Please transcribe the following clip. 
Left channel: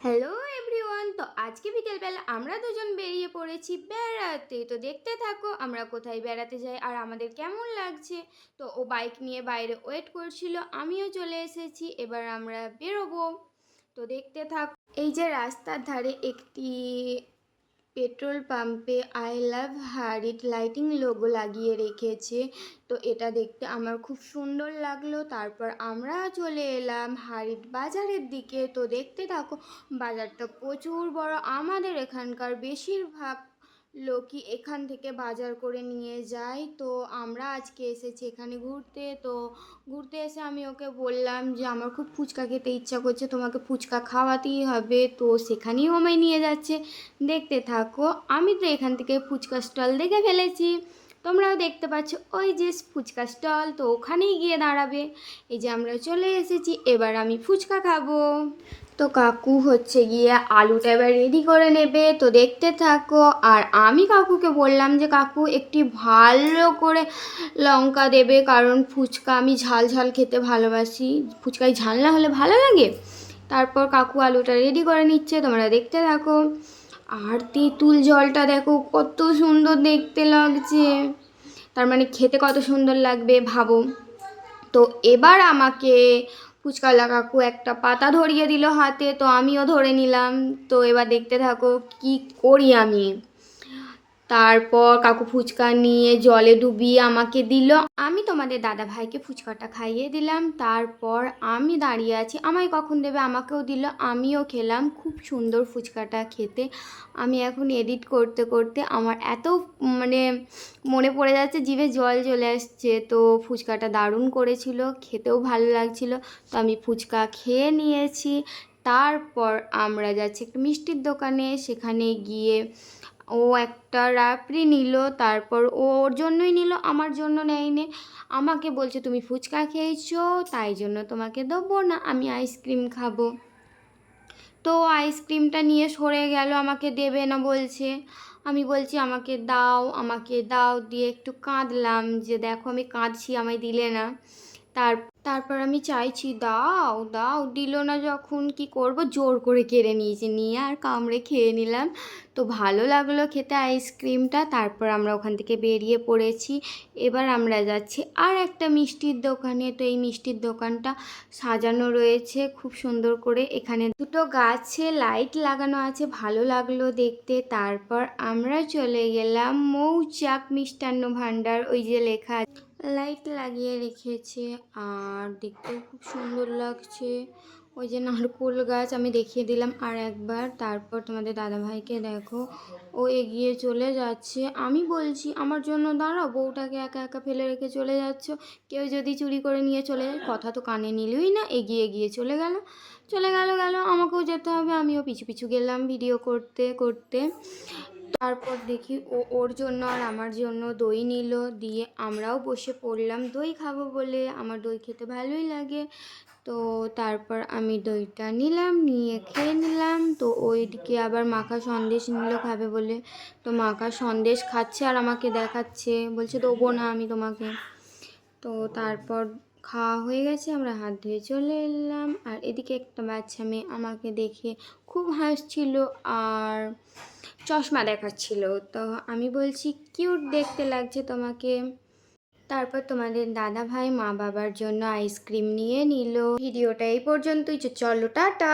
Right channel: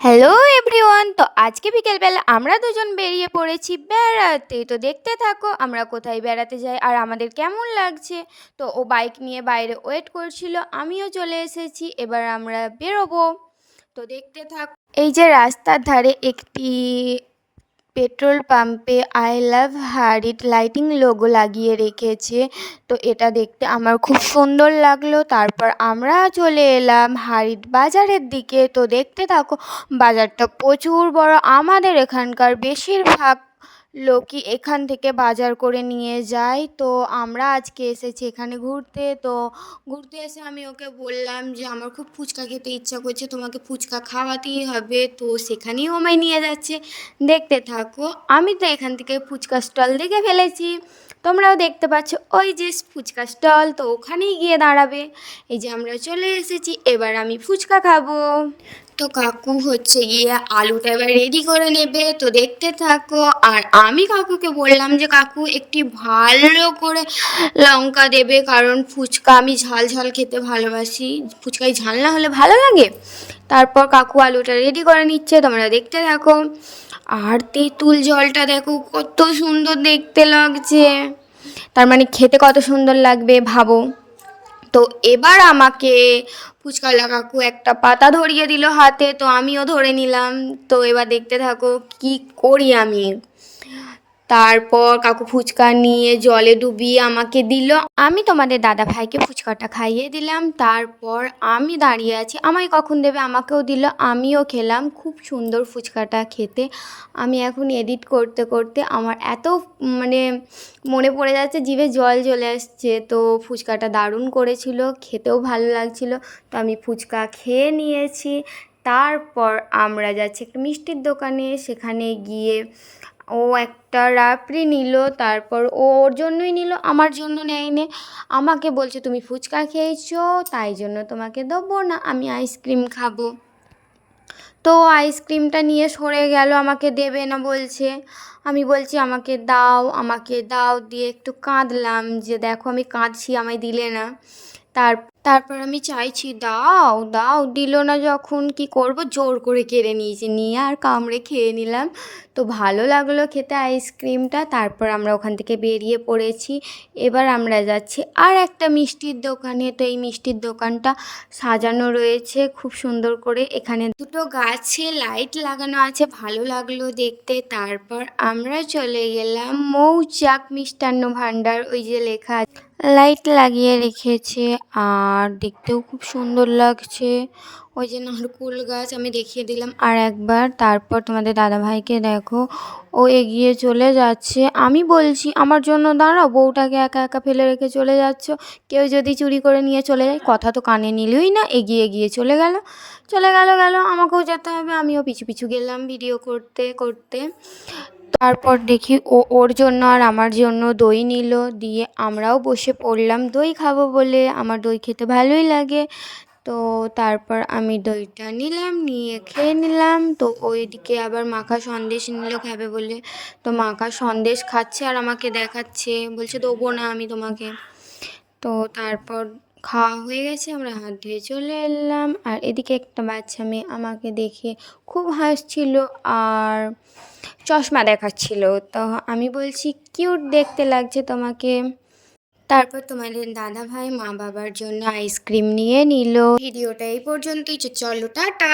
Hello everyone, তো আজকে বিকেলবেলা আমরা দুজন বেরিয়ে পড়েছি বেড়াতে। তো দেখতে থাকো আমরা কোথায় বেড়াতে যাই আর আমাদের কেমন লাগছে। তো ও বাইক নিয়ে বাইরে ওয়েট করছিল, আমিও চলে এসেছি, এবার আমরা বেরোবো। তো দেখতে থাকো। এই যে রাস্তার ধারে একটি পেট্রোল পাম্পে আই লাভ হারিট লাইটিং লোগো লাগিয়ে রেখেছে। তো এটা দেখতে আমার খুব সুন্দর লাগলো। তারপর আমরা চলে এলাম হারিট বাজারের দিকে। তো দেখতে থাকো, বাজারটা প্রচুর বড়। আমাদের এখানকার বেশিরভাগ লোকই এখান থেকে বাজার করে নিয়ে যায়। তো আমরা আজকে এসেছি এখানে ঘুরতে। তো ঘুরতে এসে আমি ওকে বললাম যে আমার খুব ফুচকা খেতে ইচ্ছা করছে, তোমাকে ফুচকা খাওয়াতেই হবে। তো সেখানেই আমায় নিয়ে যাচ্ছে, দেখতে থাকো। আমি তো এখান থেকে ফুচকা স্টল দেখে ফেলেছি, তোমরাও দেখতে পাচ্ছ ওই যে ফুচকা স্টল। তো ওখানেই গিয়ে দাঁড়াবে। এই যে আমরা চলে এসেছি, এবার আমি ফুচকা খাবো। তো কাকু হচ্ছে গিয়ে আলুটা এবার রেডি করে নেবে। তো দেখতে থাকো। আর আমি কাকুকে বললাম যে কাকু একটি ভালো করে লঙ্কা দেবে, কারণ ফুচকা আমি ঝাল ঝাল খেতে ভালোবাসি, ফুচকায় ঝাল না হলে ভালো লাগে। তারপর কাকু আলুটা রেডি করে নিচ্ছে, তোমরা দেখতে থাকো। আর তেঁতুল জলটা দেখো কত সুন্দর দেখতে লাগছে, তার মানে খেতে কত সুন্দর লাগবে ভাবো। তো এবার আমাকে ফুচকাওয়ালা কাকু একটা পাতা ধরিয়ে দিল হাতে, তো আমিও ধরে নিলাম। তো এবার দেখতে থাকো কি করি আমি। তারপর কাকু ফুচকা নিয়ে জলে ডুবিয়ে আমাকে দিল, আমি তোমাদের দাদা ভাইকে ফুচকাটা খাইয়ে দিলাম। তারপর আমি দাঁড়িয়ে আছি, আমায় কখন দেবে, আমাকেও দিল, আমিও খেলাম। খুব সুন্দর ফুচকাটা খেতে। আমি এখন এডিট করতে করতে আমার এত মানে মনে পড়ে যাচ্ছে, জিভে জল চলে আসছে। তো ফুচকাটা দারুণ করেছিল, খেতেও ভালো লাগছিল। তো আমি ফুচকা খেয়ে নিয়েছি। তারপর আমরা যাচ্ছি একটা মিষ্টির দোকানে, সেখানে গিয়ে ও একটা রাবড়ি নিল। তারপর ও ওর জন্যই নিল, আমার জন্য নেয়নি। আমাকে বলছে তুমি ফুচকা খেয়েছো তাই জন্য তোমাকে দেবো না, আমি আইসক্রিম খাবো। তো আইসক্রিমটা নিয়ে সরে গেল, আমাকে দেবে না বলছে। আমি বলছি আমাকে দাও, আমাকে দাও, দিয়ে একটু কাঁদলাম যে দেখো আমি কাঁদছি, আমায় দিলে না। তারপর আমি চাইছি দাও দাও, দিল না যখন কি করব, জোর করে কেড়ে নিয়েছি, নিয়ে আর কামড়ে খেয়ে নিলাম। তো ভালো লাগলো খেতে আইসক্রিমটা। তারপর আমরা ওখান থেকে বেরিয়ে পড়েছি। এবার আমরা যাচ্ছি আর একটা মিষ্টির দোকানে। তো এই মিষ্টির দোকানটা সাজানো রয়েছে খুব সুন্দর করে, এখানে দুটো গাছে লাইট লাগানো আছে, ভালো লাগলো দেখতে। তারপর আমরা চলে গেলাম মৌচাক মিষ্টান্ন ভাণ্ডার, ওই যে লেখা লাইট লাগিয়ে রেখেছে আর দেখতেও খুব সুন্দর লাগছে। ওই যে নারকোল গাছ আমি দেখিয়ে দিলাম আর একবার। তারপর তোমাদের দাদাভাইকে দেখো, ও এগিয়ে চলে যাচ্ছে। আমি বলছি আমার জন্য দাঁড়াও, বউটাকে একা একা ফেলে রেখে চলে যাচ্ছ, কেউ যদি চুরি করে নিয়ে চলে যায়, কথা তো কানে নিলই না, এগিয়ে গিয়ে চলে গেল। গেল, আমাকেও যেতে হবে, আমিও পিছু পিছু গেলাম ভিডিও করতে করতে। তারপর দেখি ও ওর জন্য আর আমার জন্য দই নিল, দিয়ে আমরাও বসে পড়লাম দই খাবো বলে, আমার দই খেতে ভালোই লাগে। তো তারপর আমি দইটা নিলাম, নিয়ে খেয়ে নিলাম। তো ওইদিকে আবার মাখা সন্দেশ নিল খাবে বলে, তো মাখা সন্দেশ খাচ্ছে আর আমাকে দেখাচ্ছে, বলছে দেবো না আমি তোমাকে। তো তারপর খাওয়া হয়ে গেছে, আমরা হাত ধুয়ে চলে এলাম। আর এদিকে একটা বাচ্চা মেয়ে আমাকে দেখে খুব হাসছিল আর চশমা দেখাচ্ছিল। তো আমি বলছি কিউট দেখতে লাগছে তোমাকে। তারপর তোমাদের দাদা ভাই মা বাবার জন্য আইসক্রিম নিয়ে নিল। ভিডিওটা এই পর্যন্তই, চলো টাটা।